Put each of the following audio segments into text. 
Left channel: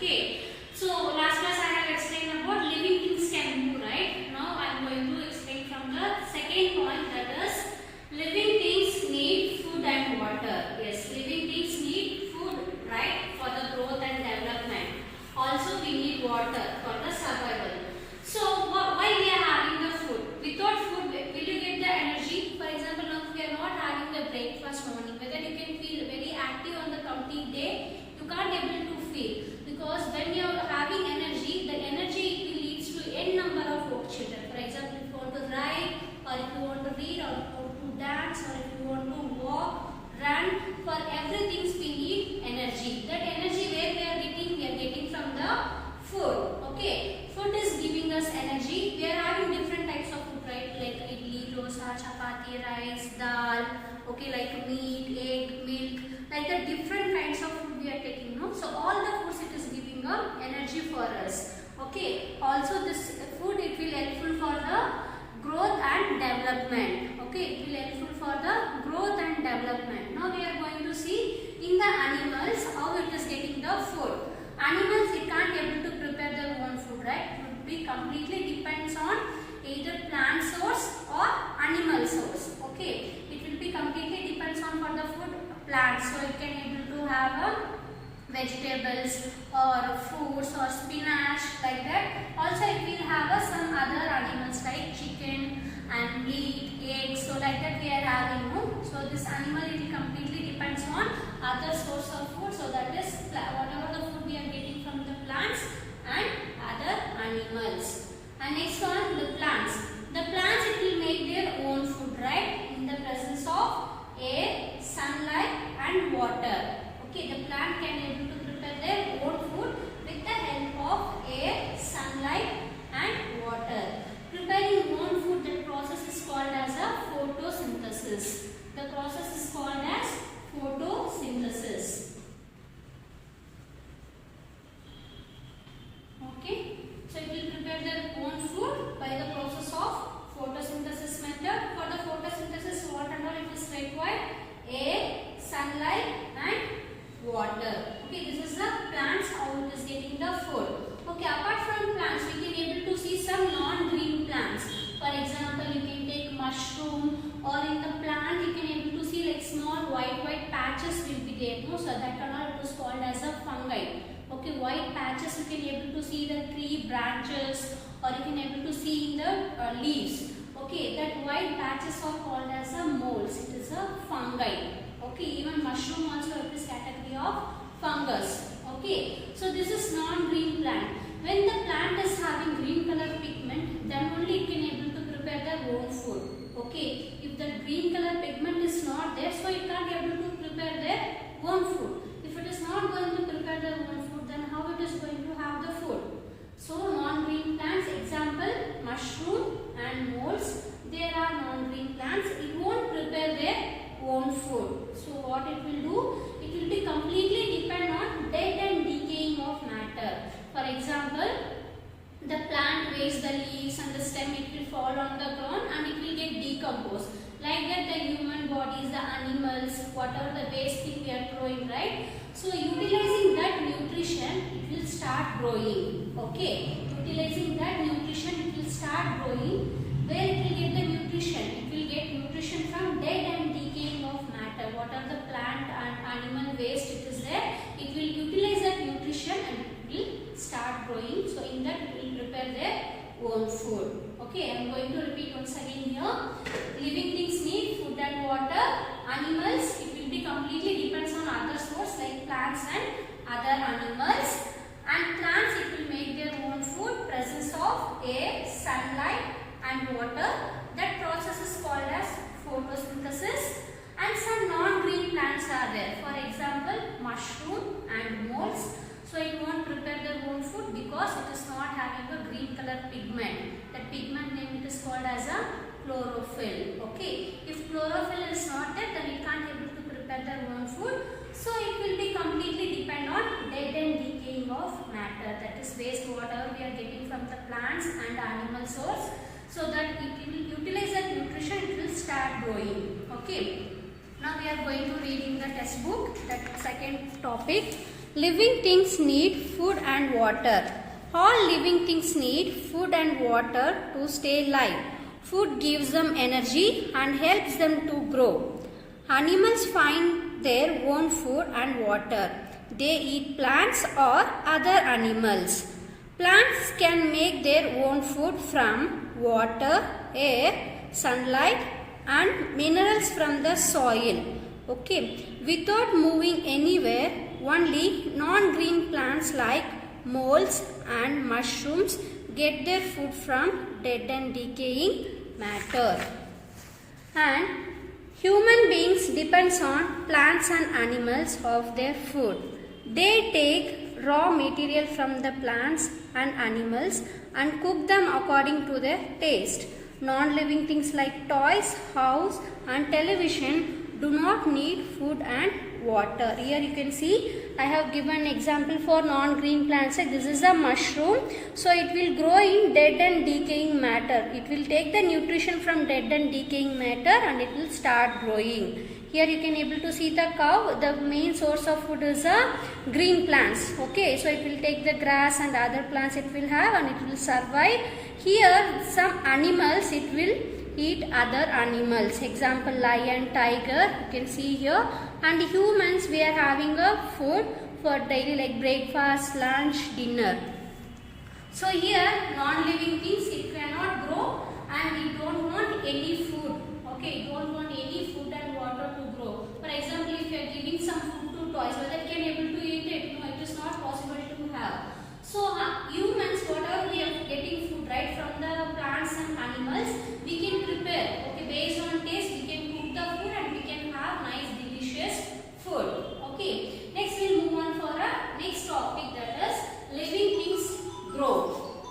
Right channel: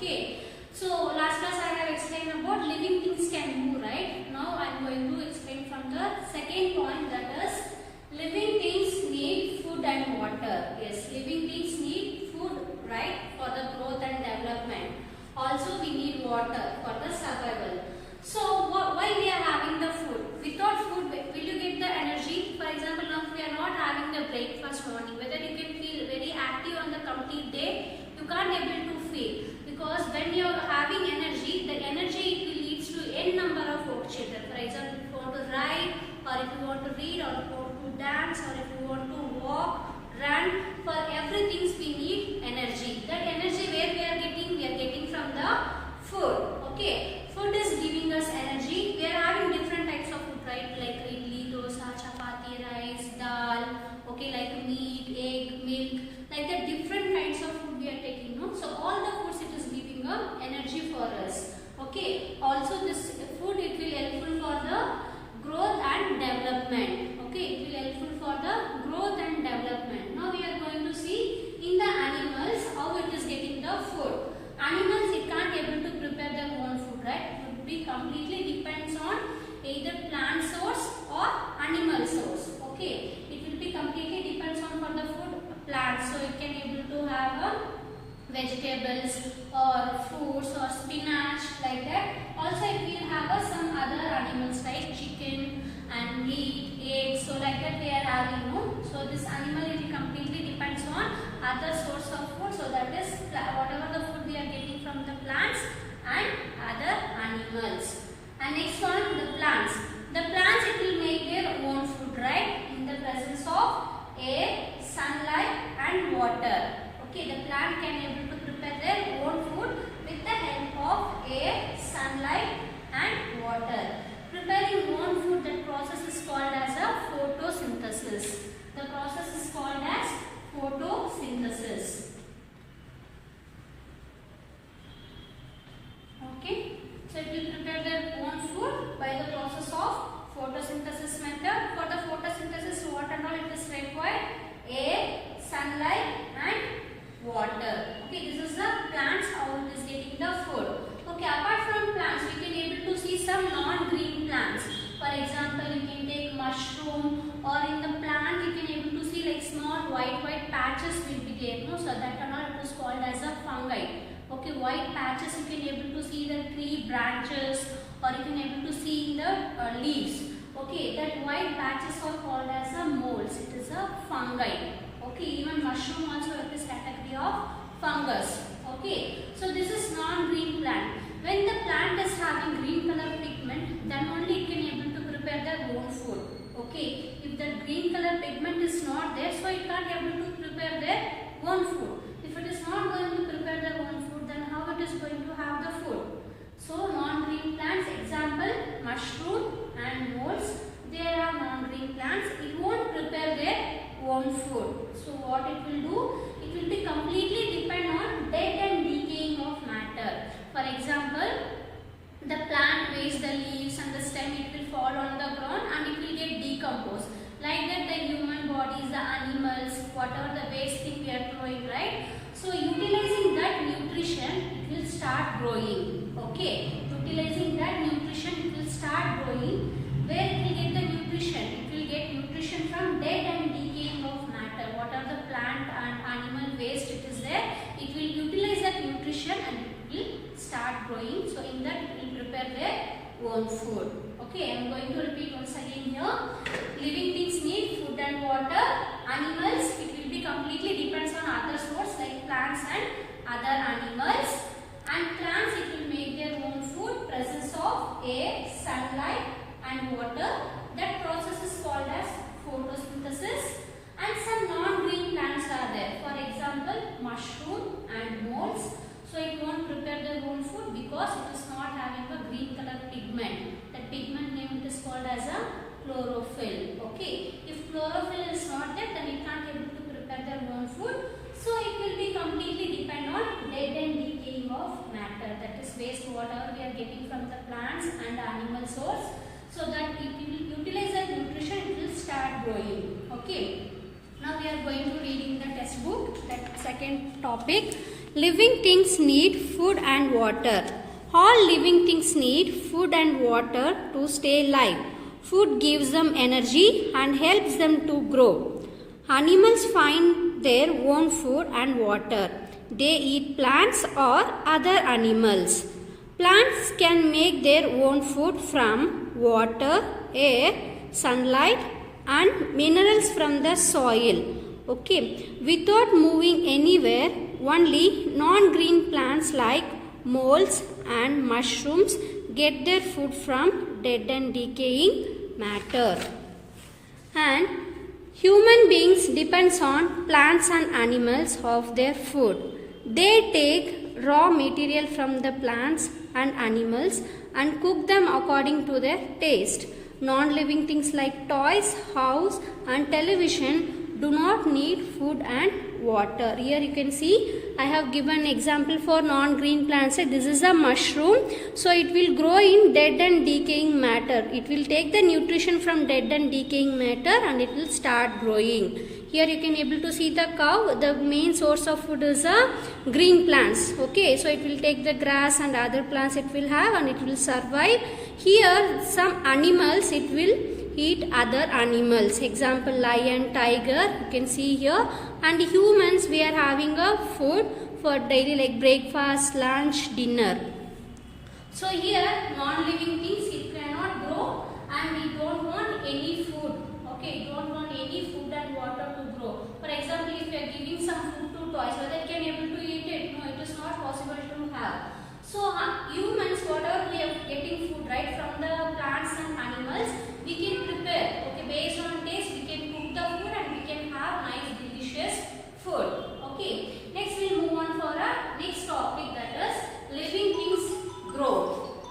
Okay. So last class I have explained about living things can move, right? Now I am going to explain from the second point, that is living things need food and water. Yes, living things need food, right, for the growth and development. Also we need water for the survival. So why we are having the food? Without food, will you get the energy? For example, now we are not having the breakfast morning, whether you can feel very active on the complete day, you can't able to feel, because when you are having energy, the energy it leads to n number of actions. For example, if you want to write, or if you want to read, or if you want to dance, or if you want to walk, run, for everything we need energy. That energy where we are getting? We are getting from the food. Okay, food is giving us energy. We are having different types of food, right? Like idli, dosa, chapati, rice, dal. Okay, like meat, egg, milk, like the different kinds of food we are taking. No? So all the foods it is giving energy for us. Okay. Also this food it will helpful for the growth and development. Okay, it will helpful for the growth and development. Now we are going to see in the animals how it is getting the food. Animals it can't able to prepare their own food, right? It will be completely depends on either plant source or animal source. Okay, it will be completely depends on for the food plants. So it can able to have a vegetables or fruits or spinach, like that. Also it will have some other animals like chicken and meat, eggs. So like that we are having, no? So this animal it completely depends on other source of food. So that is whatever the food we are getting from the plants and other animals. And next one, the plants. The plants it will make their own food, right? In the presence of air, sunlight and water. Okay, the plant can able to prepare their own food with the help of air, sunlight and water. Preparing own food, that process is called as a photosynthesis. The process is called as photosynthesis. Okay, so it will prepare their own food by the process of photosynthesis method. For the photosynthesis, what and all it is required? Air, sunlight and water. Okay, this is the plants how it is getting the food. Okay, apart from plants, we can able to see some non-green plants. For example, you can take mushroom, or in the plant you can able to see like small white patches will be there. No? So that and all it is called as a fungi. Okay, white patches you can able to see the tree branches, or you can able to see in the leaves. Okay, that white patches are called as a molds. It is a fungi. Okay, even mushroom also it is category of fungus. Okay, so this is non-green plant. When the plant is having green color pigment, then only it can able to prepare their own food. Okay, if the green color pigment is not there, so it can't able to prepare their own food. If it is not going to prepare their own food, then how it is going to have the food? So non-green plants, example mushroom and molds, there are non-green plants. It won't prepare their own food. So what it will do? It will be completely depend on dead and decaying of matter. For example, the plant wastes the leaves and the stem, it will fall on the ground and it will get decomposed. Like that the human bodies, the animals, whatever the waste thing we are throwing, right? So utilizing that nutrition, it will start growing. Okay, utilizing that nutrition, it will start growing. Where it will get the nutrition? It will get nutrition from dead and decaying of matter. What are the plant and animal waste it is there? It will utilize that nutrition and it will start growing. So in that it will prepare their own food. Okay, I am going to repeat once again here. Living things need food and water. Animals, it will be completely depends on other source like plants and other animals. And plants, it will make their own food. Presence of air, sunlight and water. That process is called as photosynthesis. And some non-green plants are there. For example, mushroom and molds. So it won't prepare their own food because it is not having a green color pigment. That pigment name it is called as a chlorophyll. Okay. If chlorophyll is not there, then it can't able to prepare their own food. So it will be completely depend on dead and decaying of matter. That is waste whatever we are getting from the plants and animal source. So that it will utilize that nutrition, it will start growing. Okay. Now we are going to read in the textbook that second topic. living things need food and water. All living things need food and water to stay alive. Food gives them energy and helps them to grow. Animals find their own food and water. They eat plants or other animals. Plants can make their own food from water, air, sunlight and minerals from the soil. Okay, without moving anywhere, only non-green plants like molds and mushrooms get their food from dead and decaying matter. And human beings depends on plants and animals of their food. They take raw material from the plants and animals and cook them according to their taste. Non-living things like toys, house and television do not need food and water. Here you can see I have given example for non-green plants. This is a mushroom. So it will grow in dead and decaying matter. It will take the nutrition from dead and decaying matter and it will start growing. Here you can able to see the cow. The main source of food is green plants. Okay, so it will take the grass and other plants it will have and it will survive. Here some animals it will eat other animals. Example lion, tiger you can see here. And humans we are having a food for daily like breakfast, lunch, dinner. So here non-living things it cannot grow and we don't want any food. Okay, don't want any food and water to grow. For example, if you are giving some food to toys, whether it can able to eat it? No, it is not possible to have. So humans, whatever we are getting food right from the plants and animals, we can prepare. Okay, based on taste, we can cook the food and we can have nice delicious food. Okay, next we will move on for a next topic, that is living things grow.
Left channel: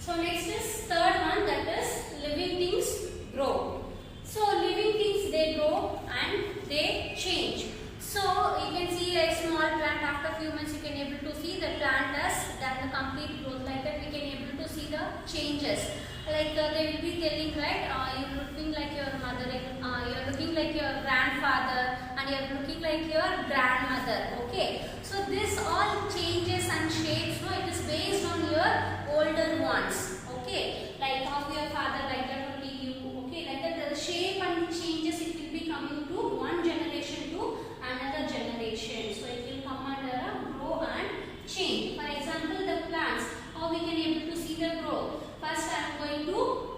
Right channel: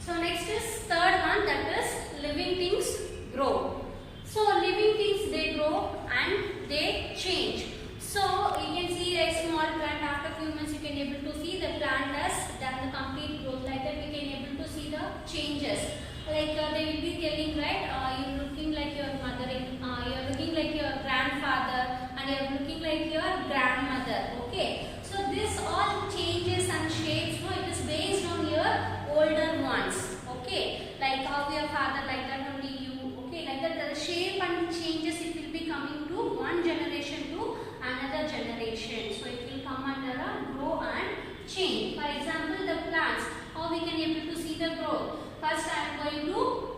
So next is third one, that is living things grow. So living things they grow and they change. So you can see a small plant, after few months you can able to see the plant has done the complete growth. Like that we can able to see the changes. Like they will be telling, right, you're looking like your mother, you're looking like your grandfather and you're looking like your grandmother. Okay, so this all changes and shapes, no, it is based on your older ones. Okay, like how your father, like that only you. Okay, like that the shape and changes it will be coming to one generation to another generation. So it will come under a grow and change. For example, the plants, how we can able to see the growth. First I am going to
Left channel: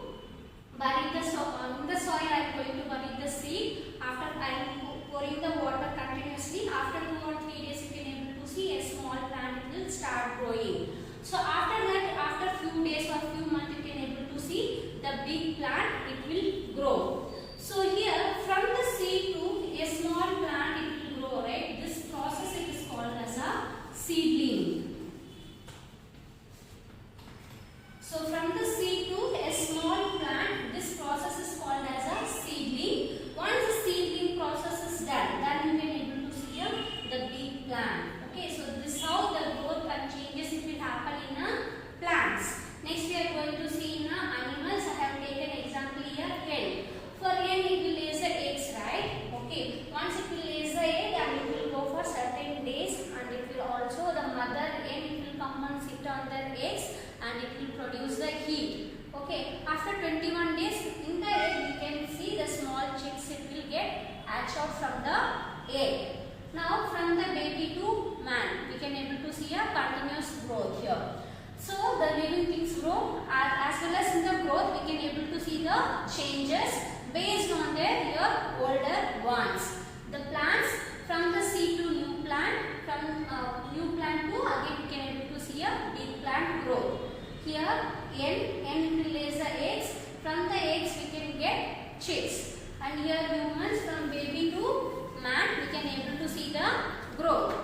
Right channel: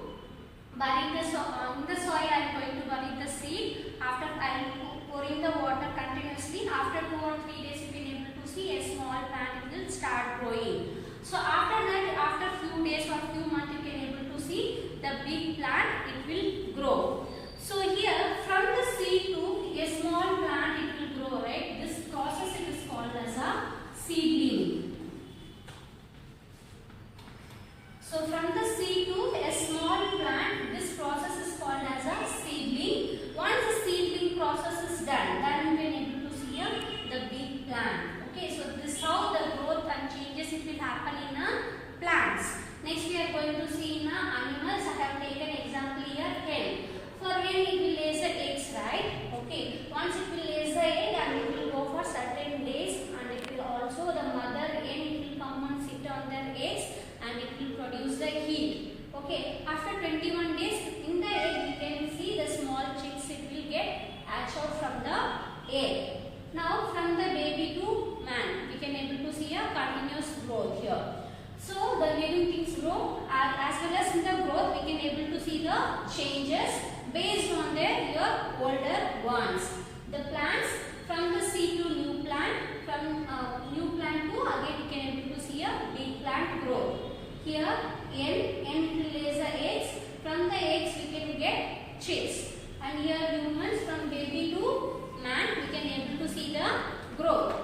bury the soil. In the soil I am going to bury the seed. After I am pouring the water continuously. After 2 or 3 days you can able to see a small plant will start growing. So after that, after few days or few months you can able to see the big plant it will grow. So here from the seed to a small plant it will grow, right? This process it is called as a seedling. So from the seed to a small plant, this process is called as a seedling. Once the seedling process is done, then you can able to see the big plant. Okay, so this is how the growth and changes it will happen in plants. Next we are going to see in animals. I have taken example here, hen. For hen it will lay the eggs, right? Okay, once it will lay the egg and it will go for certain days and it will also the mother hen it will come and sit on their eggs and it will produce the heat. Okay, after 21 days in the egg we can see the small chicks it will get hatched out from the egg. Now from the baby to man we can able to see a continuous growth here. So the living things grow as well as in the growth we can able to see the changes based on their older ones. The plants from the seed to new plant, from new plant to again we can able to see a big plant growth. Here hen will lay the eggs. From the eggs we can get chicks. And here humans from baby to man we can able to see the growth.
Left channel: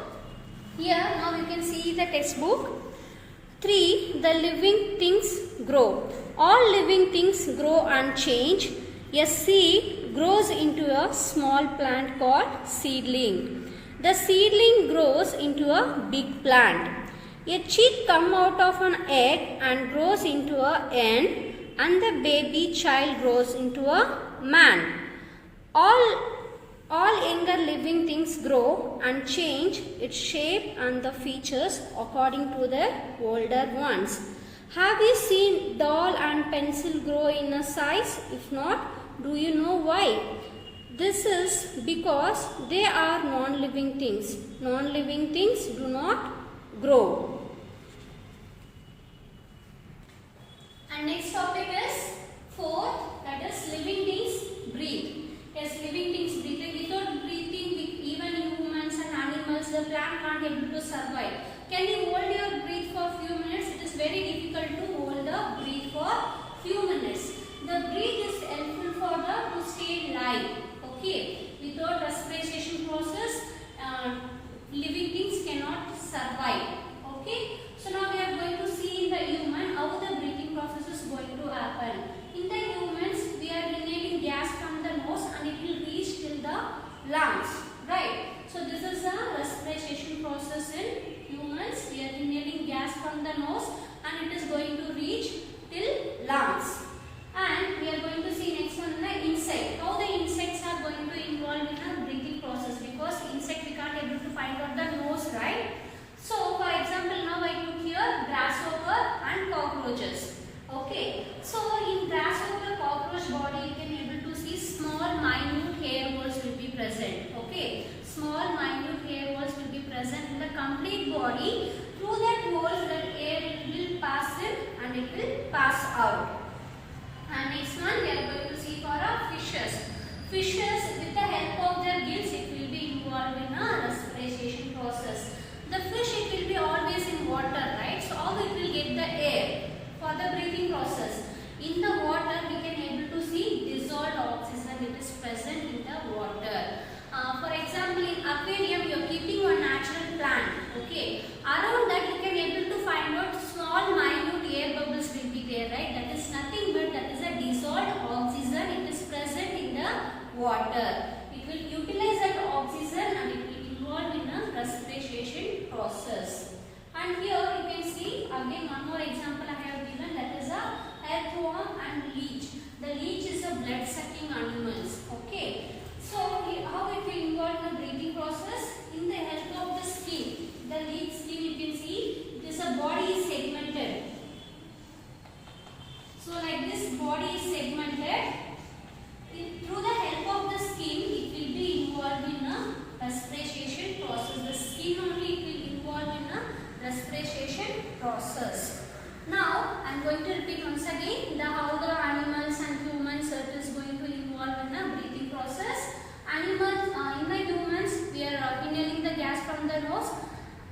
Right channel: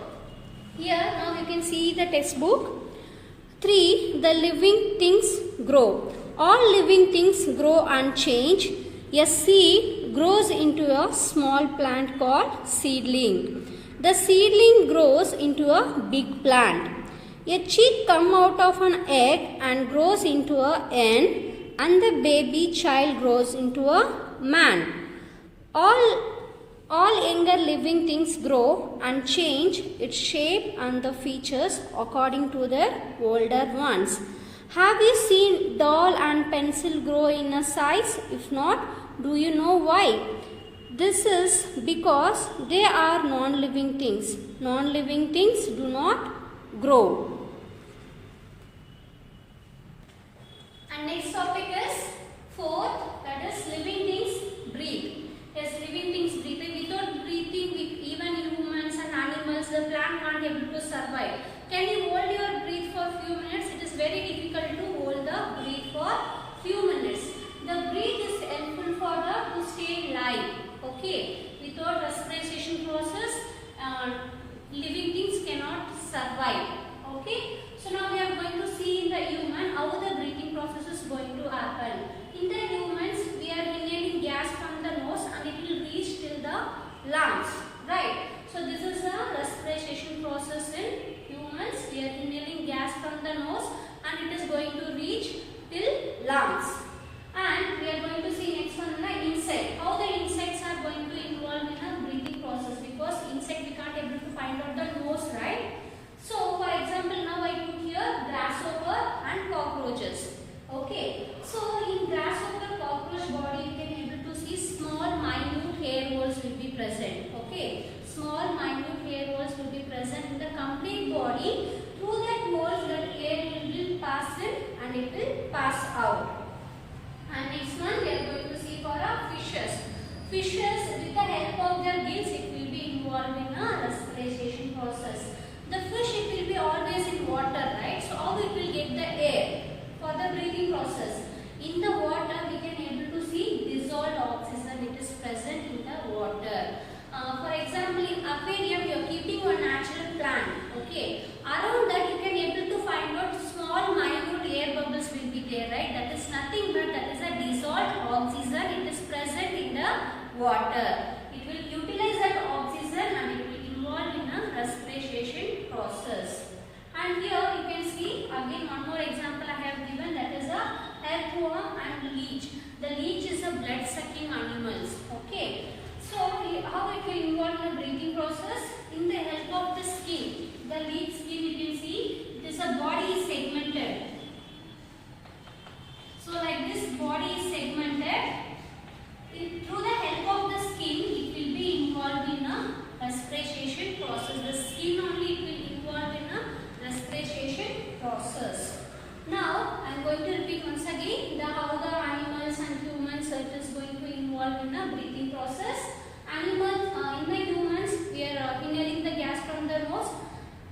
Here now you can see the textbook. 3. The living things grow. All living things grow and change. A seed grows into a small plant called seedling. The seedling grows into a big plant. A chick comes out of an egg and grows into a hen, and the baby child grows into a man. All All younger living things grow and change its shape and the features according to their older ones. Have you seen doll and pencil grow in a size? If not, do you know why? This is because they are non-living things. Non-living things do not grow. And next topic is fourth, that is living things breathe. Yes, living things breathe. Without breathing, with even humans and animals, the plant can't able to survive. Can you hold your breath for few minutes? It is very difficult to hold the breath for few minutes. The breath is helpful for the to stay alive. Okay, without respiration process, living things cannot survive. Okay, so now we are going to see in the human how the breathing process is going to happen. In the humans, we are inhaling gas from the nose and it will reach till the lungs, right? So this is the respiration process in humans. We are inhaling gas from the nose and it is going to reach till lungs. And we are going to see next one the insect. How the insects are going to involve in a breathing process, because insect we can't able to find out the nose, right? So for example, now I took here grasshopper and cockroaches. Okay, so in grasshopper cockroach body, you can able to see small minute hair holes will be present. Okay, small minute hair holes will be present in the complete body. Through that holes, that air will pass in and it will pass out. And next one we are going to see for our fishes. Fishes, with the help of their gills, it will be involved in a respiration process. The fish, it will be always in water, right? So how it will get the air for the breathing process? In the water, we can able to see dissolved oxygen. It is present in the water. For example, in aquarium, you are keeping a natural plant. Okay, around that you can able to find out small minute air bubbles will be there, right? That is nothing but that is a dissolved oxygen. It is present in the water. It will utilize that oxygen and it will involve in a respiration process. And here you can see again one more example I have given, that is a earthworm and leech. The leech is a blood sucking animals. Okay. So how it will involve in the breathing process? In the help of the skin. The leech skin, you can see this a body is segmented. So like this body is segmented. Through the help of the skin, it will be involved in a respiration process. The skin only it will involve in a respiration process. Now I am going to repeat once again how the animals and humans it is going to involve in a breathing process. Animals, in the humans, we are inhaling the gas from the nose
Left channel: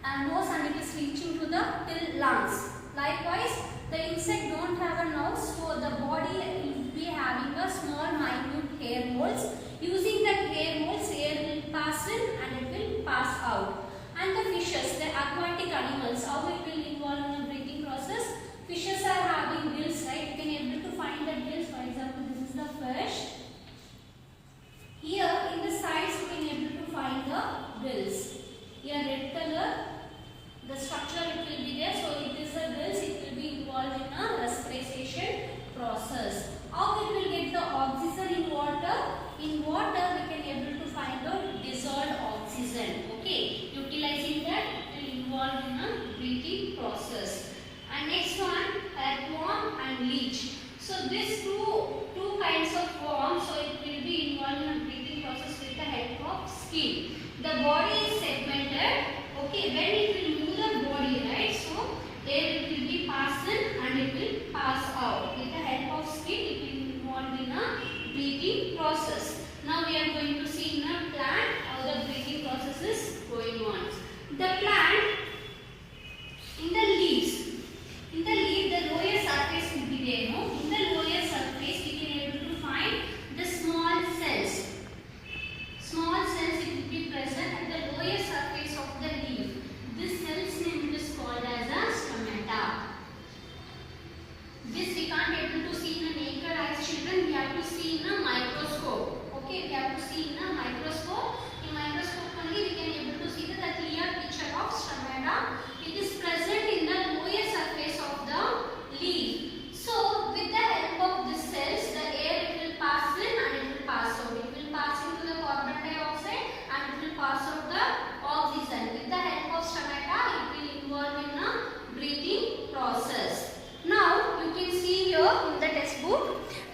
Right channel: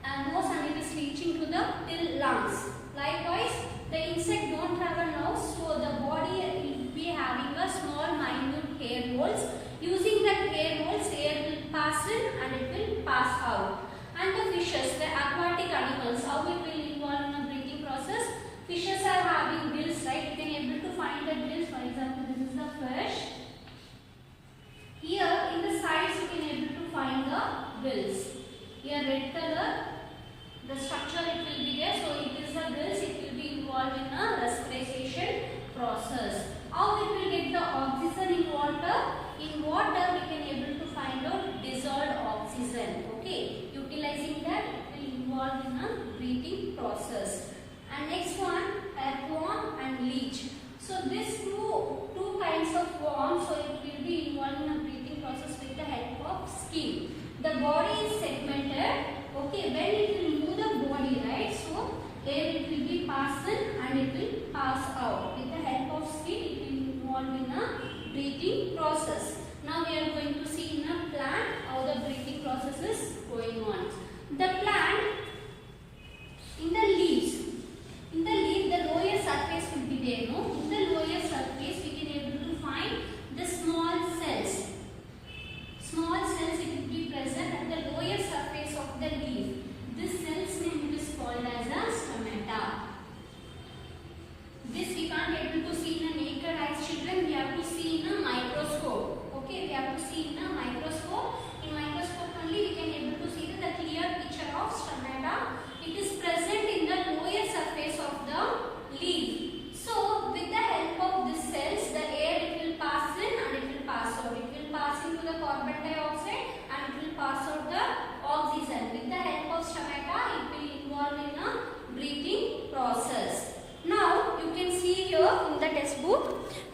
and it is reaching to the till lungs. Likewise, the insect don't have a nose, so the body will be having a small minute hair holes. Using that hair holes, air will pass in and it will pass out. And the fishes, the aquatic animals, how it will involve in a breathing process? Fishes are having gills, right? You can able to find the gills. For example, this is the fish. Here in the sides you can able to find the gills. Here red color, the structure it will be there. So it is the gills. It will be involved in a respiration process. How it will get the oxygen in water? In water we can able to find out dissolved oxygen. Okay, utilizing that it will involve in a breathing process. And next one, earthworm and leech. So these two kinds of worms, so it will be involved in a breathing process with the help of skin. The body is segmented. Okay, when it will move the body, right? So air it will be passed in and it will pass out. With the help of skin, it will involve in a breathing process. Now we are going to see in a plant how the breathing process is going on. The plant, in the leaves, the lower surface will be there. No? In the lower surface, we can able to find the small cells. Small cells it will be present at the lower surface of the leaf. This cell's name is called as a stomata. This we can't able to see in a naked eye, children. We have to see in a microscope. Okay, we have to see in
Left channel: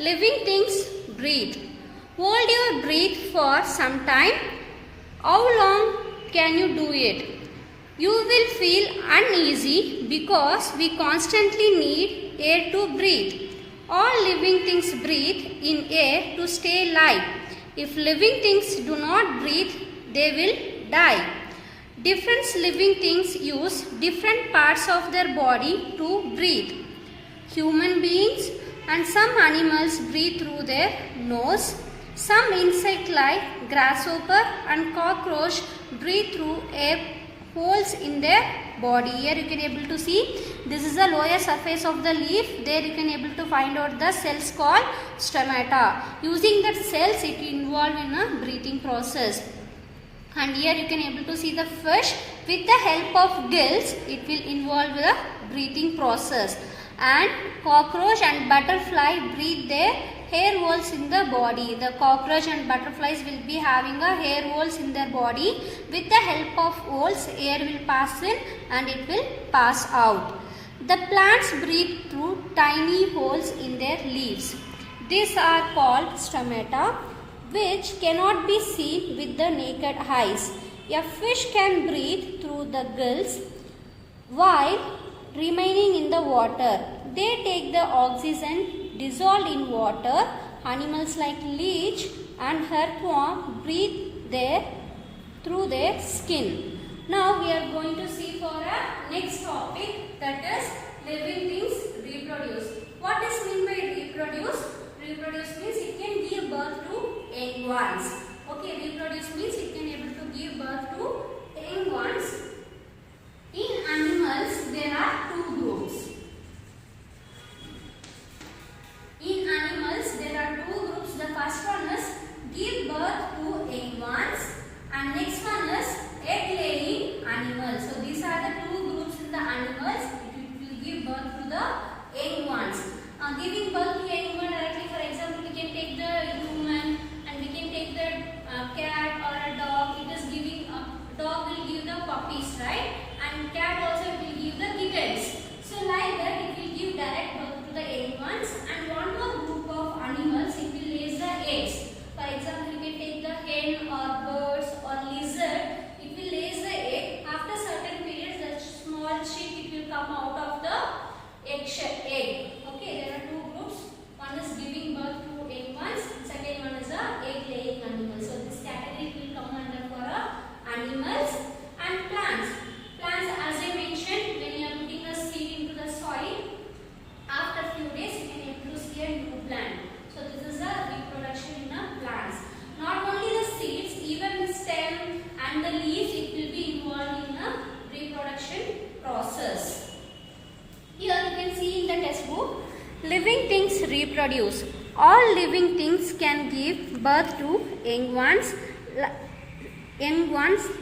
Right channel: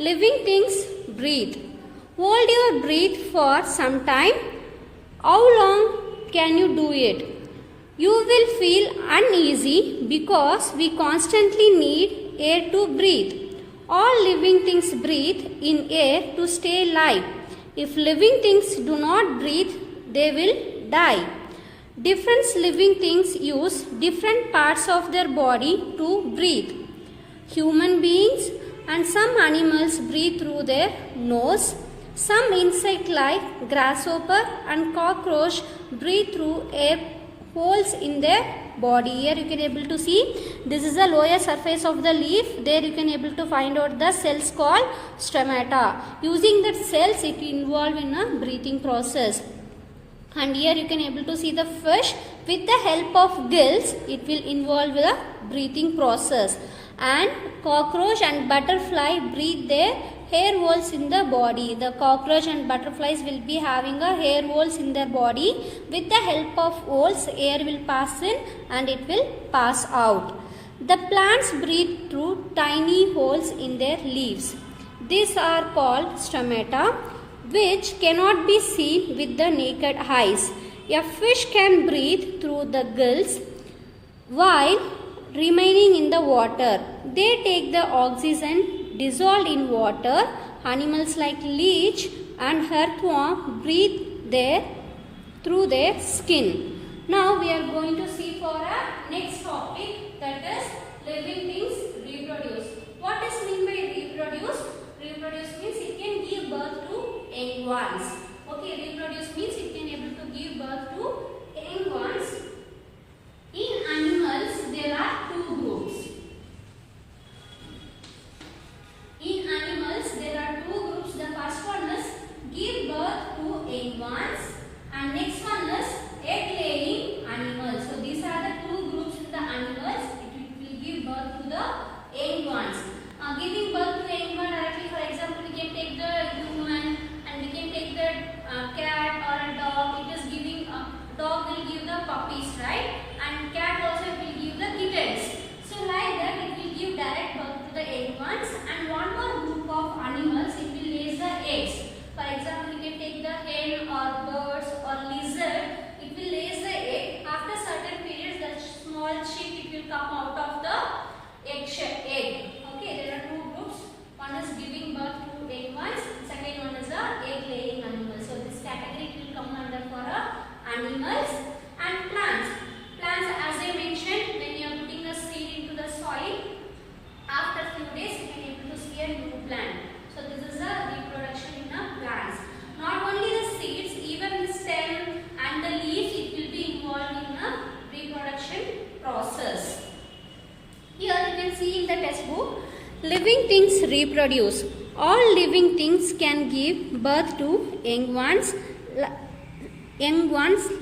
living things breathe. Hold your breath for some time. How long can you do it? You will feel uneasy because we constantly need air to breathe. All living things breathe in air to stay alive. If living things do not breathe, they will die. Different living things use different parts of their body to breathe. Human beings and some animals breathe through their nose. Some insects like grasshopper and cockroach breathe through air holes in their body. Here you can able to see this is the lower surface of the leaf. There you can able to find out the cells called stomata. Using that cells it involved in a breathing process. And here you can able to see the fish with the help of gills it will involve the breathing process. And cockroach and butterfly breathe their hair holes in the body. The cockroach and butterflies will be having a hair holes in their body. With the help of holes air will pass in and it will pass out. The plants breathe through tiny holes in their leaves. These are called stomata, which cannot be seen with the naked eyes. A fish can breathe through the gills while remaining in the water. They take the oxygen dissolved in water. Animals like leech and earthworm breathe through their skin. Now we are going to see for our next topic, that is living things reproduce. What is mean by reproduce? Reproduce means it can give birth to young ones. Okay, reproduce means it can able to give birth to young ones. In animals there are two groups. In animals there are two groups. The first one is give birth to young ones and next one is egg laying animals. So these are the two groups in the animals. It will give birth to the young ones. Giving birth to young one directly, for example, we can take the human and we can take the cat or a dog. It is giving dog will give the puppies, right? And cat also will give the kittens. So like that it will give direct birth to the young ones. And one more group of animals, it will lay the eggs. For example, you can take the hen or birds or lizard. It will lay the egg. After certain periods, the small chick it will come out of the egg. Okay, there are two groups. One is giving birth to young ones. Second one is a egg laying animals. So this category will come under for animals. And plants. Plants, as I mentioned, when you are putting a seed into the soil, after few days you can able to see a new plant. So this is a reproduction in a plants. Not only the seeds, even the stem and the leaves, it will be involved in a reproduction process. Here you can see in the textbook, living things reproduce. All living things can give birth to young ones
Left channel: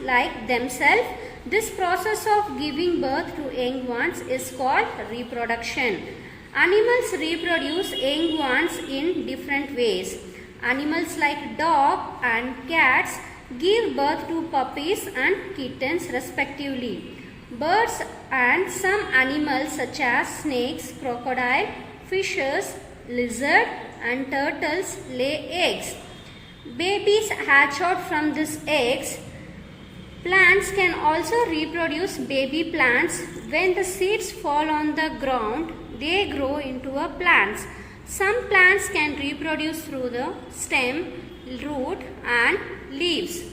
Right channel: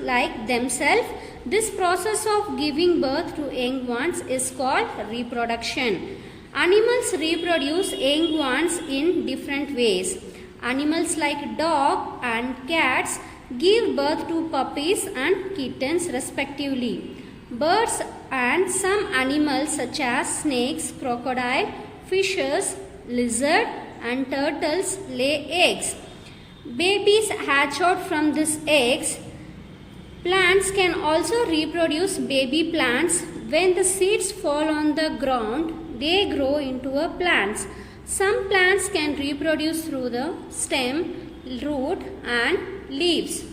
like themselves. This process of giving birth to young ones is called reproduction. Animals reproduce young ones in different ways. Animals like dog and cats give birth to puppies and kittens respectively. Birds and some animals such as snakes, crocodile, fishes, lizard and turtles lay eggs. Babies hatch out from these eggs. Plants can also reproduce baby plants. When the seeds fall on the ground, they grow into a plants. Some plants can reproduce through the stem, root and leaves.